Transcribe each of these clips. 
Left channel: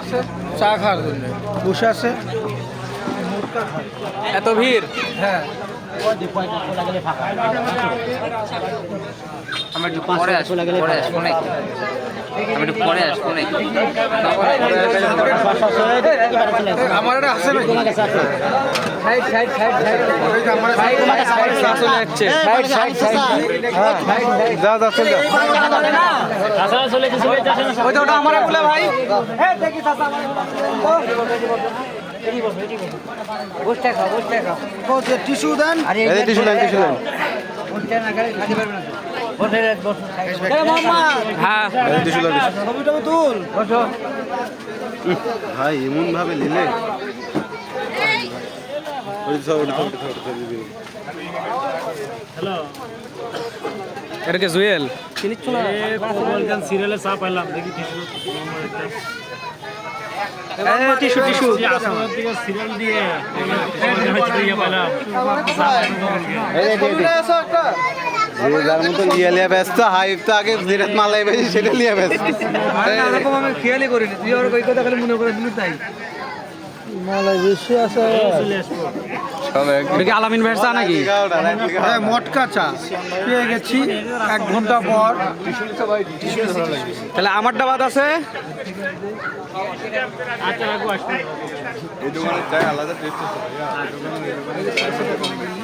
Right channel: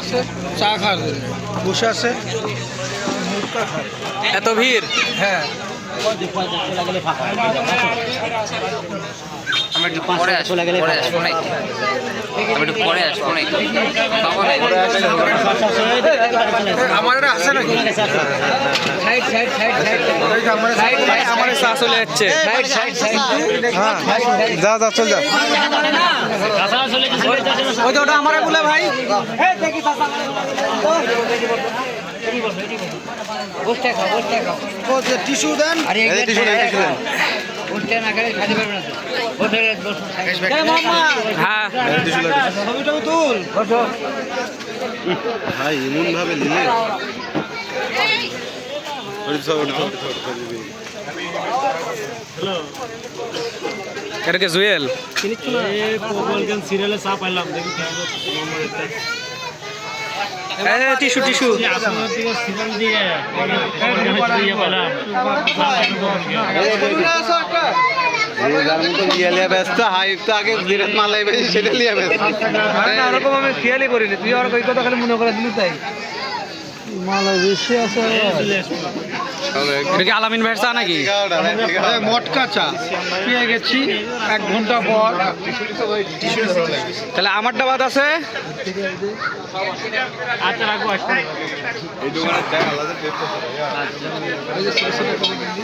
আছে চা খাওয়ার জন্য। বসে আছে? এত ভিড় হ্যাঁ। আমরা একটু পরে আসব পরে আসব নাকি? আমি একটু পরে আসব নাকি? আমার আছে নাকি? Side side side side side side আমার চা চলে যাচ্ছে। সাইড সাইড সাইড হ্যাঁ। যা যা চল যা। ওই তো ওটা আমার বলে ভাই। বসতে খাও বসতে খাও টিস্যু দেন। আরে টিস্যু দেন টিস্যু দেন। বসতে না গেলে খাইতে পারবে না তো। বসে বসে। হ্যাঁ। তুল। ভাই এমন ভাবে নিলে এটা কি জুয়েল? সিরিয়ালে চা পাইলাম দেখি টিস্যু টিস্যু তুই মনে করে দিলি তাই। মালা বেশি আছে এটা কি আলামিন ভাইয়ের চা নাকি? মটকা চা। পেয়ে গেছি এক ঘণ্টা পর। তাহলে আমার ডাবাত আছে?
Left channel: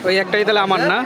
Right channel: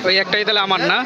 ওই একটাই তাহলে আমার না?